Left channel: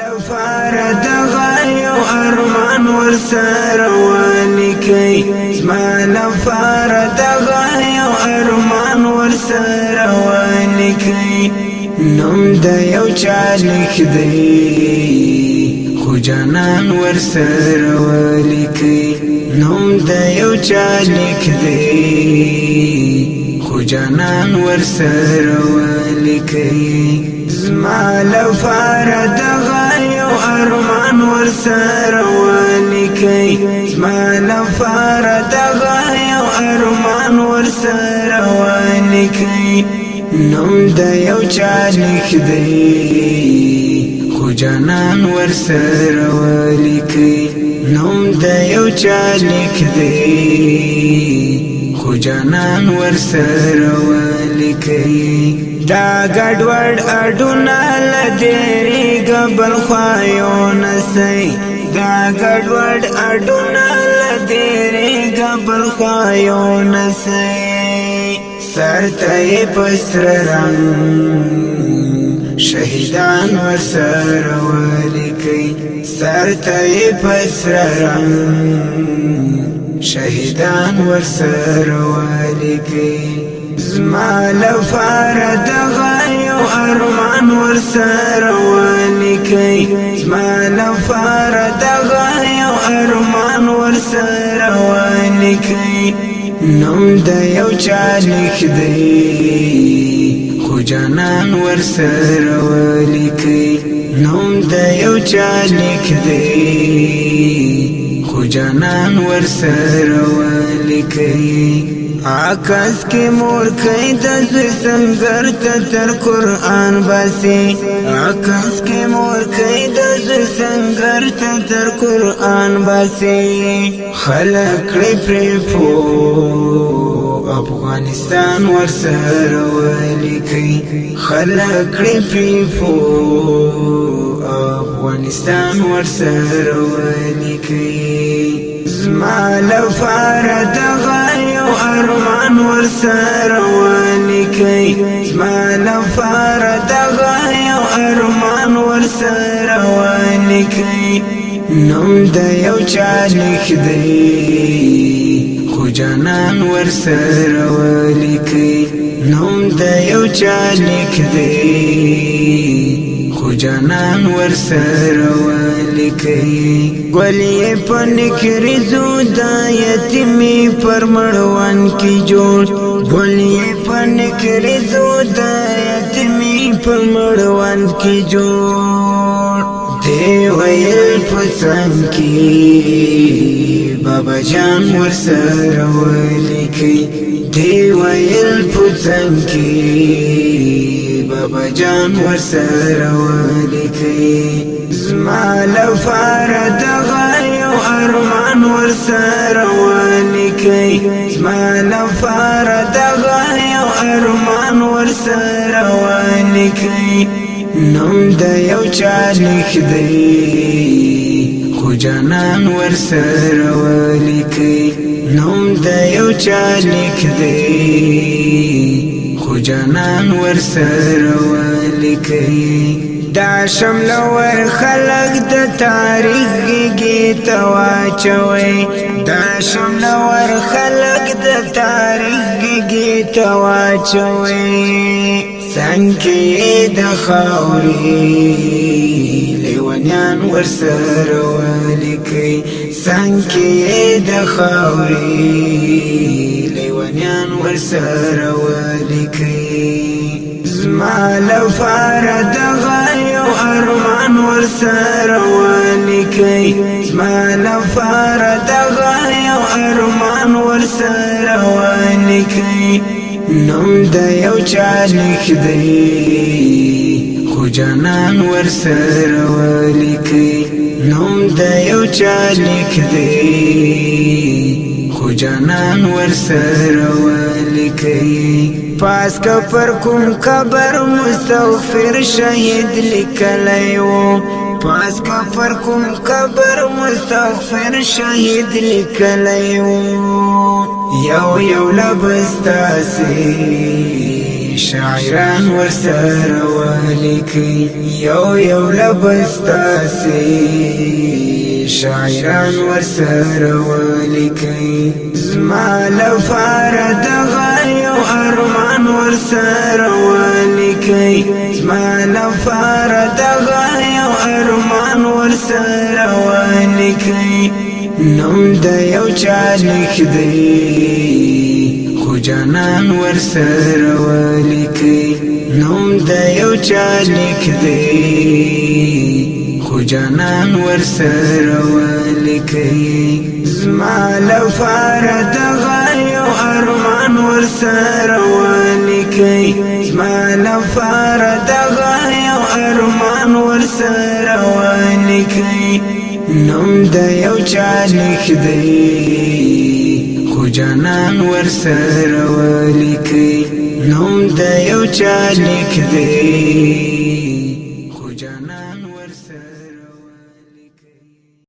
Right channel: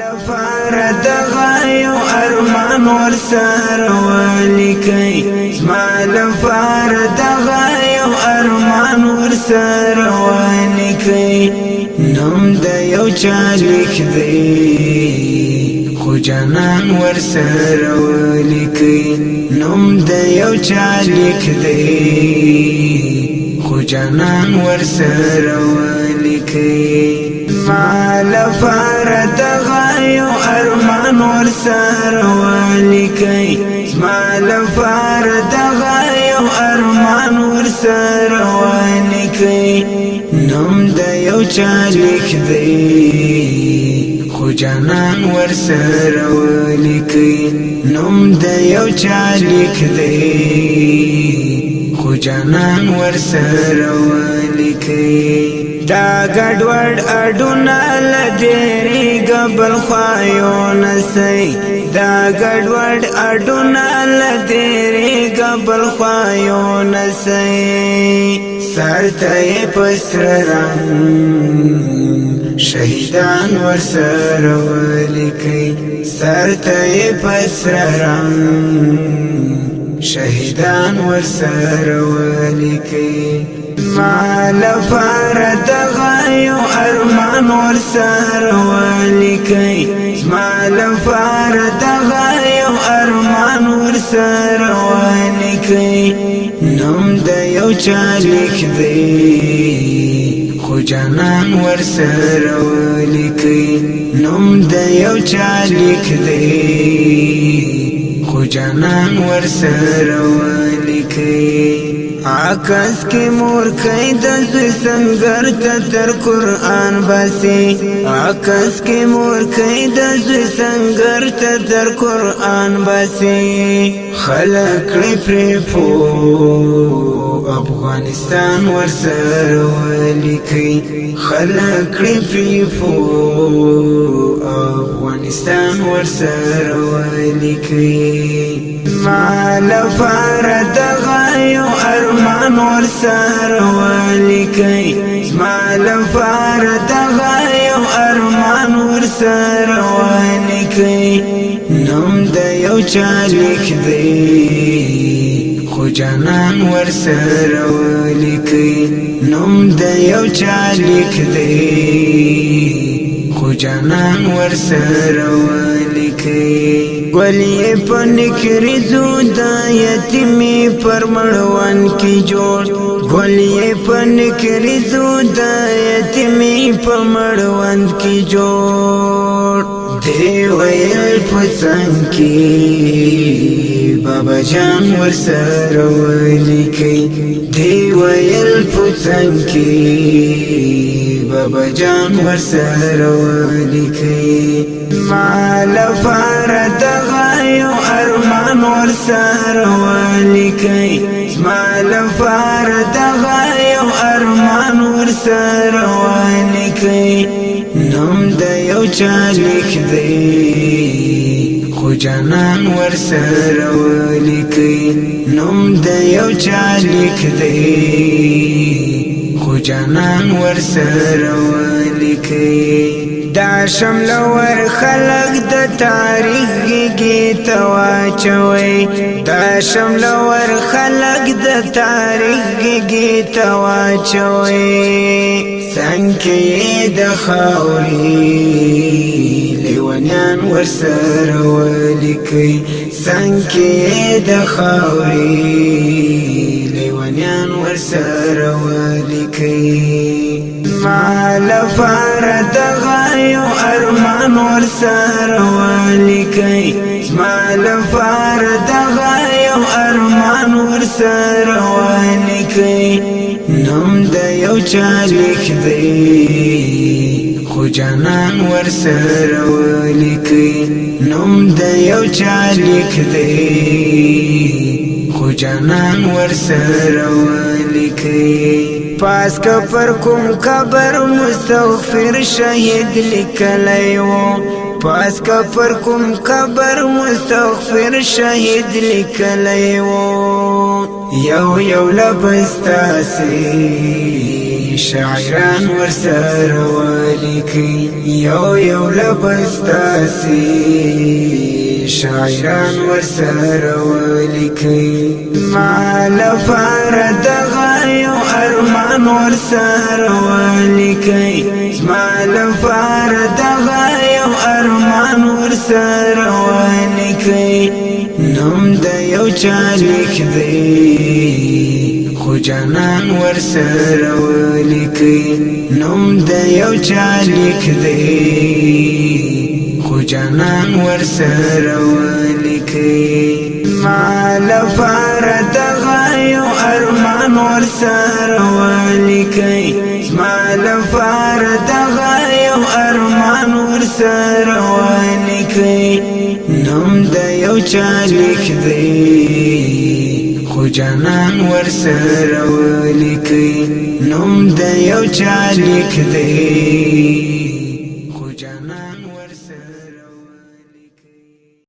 لپاره دغه یو ارمان ورسره ولیکئ زما لپاره دغه یو ارمان ورسره ولیکئ نوم د یو چا لیک دی خو جانان ورسره ولیکئ نوم د یو چا لیک دی خو جانان ورسره ولیکئ زما لپاره دغه یو ارمان ورسره ولیکئ زما لپاره دغه یو ارمان ورسره ولیکئ نوم د یو چا لیک دی خو جانان ورسره ولیکئ نوم د یو چا لیک دی خو جانان ورسره ولیکئ دا ګډوډ اډونه لدېریږه بل خوا یو نسئ دا ګډوډ اډونه لدېریږه بل خوا یو نسئ سر ته یې په سره رنګ شهیدان ورسره ولیکئ سر ته یې په سره رنګ شهیدان ورسره ولیکئ زما لپاره دغه یو ارمان ورسره ولیکئ زما لپاره دغه یو ارمان ورسره ولیکئ نوم د یو چا لیک دی خو جانان ورسره ولیکئ نوم د یو چا لیک دی خو جانان ورسره ولیکئ عکس کی مورکۍ د زوی سنگر ته تر قرآن باسي عکس کی مورکۍ د زوی سنگر ته تر قرآن باسي خلق کړي پرې پو افغانستان ورسره ولیکئ خلق کړي پرې پو افغانستان ورسره ولیکئ زما لپاره دغه یو ارمان ورسره ولیکئ زما لپاره دغه یو ارمان ورسره ولیکئ نوم د یو چا لیک دی خو جانان ورسره ولیکئ نوم د یو چا لیک دی خو جانان ورسره ولیکئ ګلې په نکریزو د یتیمې پر مړوند کې جوړ ګلې په نکریزو د یتیمې په مړوند کې جوړ دی ویل په څنګ کې بابا جان ورسره ولیکئ دی ویل په څنګ کې بابا جان ورسره ولیکئ زما لپاره دغه یو ارمان ورسره ولیکئ زما لپاره دغه یو ارمان ورسره ولیکئ نوم د یو چا لیک دی خو جانان ورسره ولیکئ نوم د یو چا لیک دی خو جانان ورسره ولیکئ دا شملور خلق د تاریخ گیږي ته واچوئ دا شملور خلق د تاریخ گیږي ته واچوئ څنګ کې د خاورې لیونیان ورسره ولیکئ څنګ کې د خاورې لیونیان ورسره ولیکئ زما لپاره دغه یو ارمان ورسره ولیکئ زما لپاره دغه یو ارمان ورسره ولیکئ نوم د یو چا لیک دی خو جانان ورسره ولیکئ نوم د یو چا لیک دی خو جانان ورسره ولیکئ پاس کا پر کوم قبر مستغفر شهید لیکلی و پاس کا پر کوم قبر مستغفر شهید لیکلی و یو یو لبستاسی شاعران ورسره ولیکي یو لبستاسي شاعران ورسره ولیکي زما لپاره دغه یو ارمان ورسره ولیکي زما لپاره دغه یو ارمان ورسره ولیکي نوم د یو چا لیک دی خو جانان ورسره ولیکي نوم د یو چا لیک دی خو جانان ورسره ولیکي زما لپاره دغه یو ارمان ورسره ولیکي زما لپاره دغه یو ارمان ورسره ولیکي نوم د یو چا لیک دی خو جانان ورسره ولیکي نوم د یو چا لیک دی خو جانان ورسره